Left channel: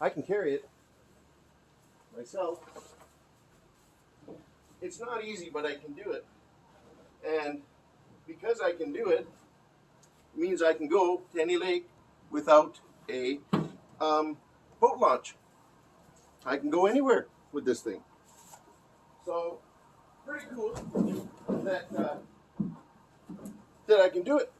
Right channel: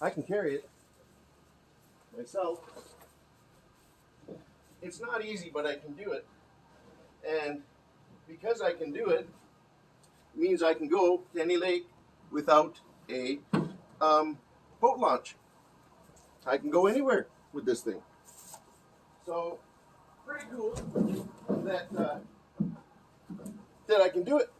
I can carry it myself. It's not easy, but I can do it. And because I can do it, it means I can go to any lake without a boat launch. I can go anywhere with this thing. So, pretty cool that I can do it.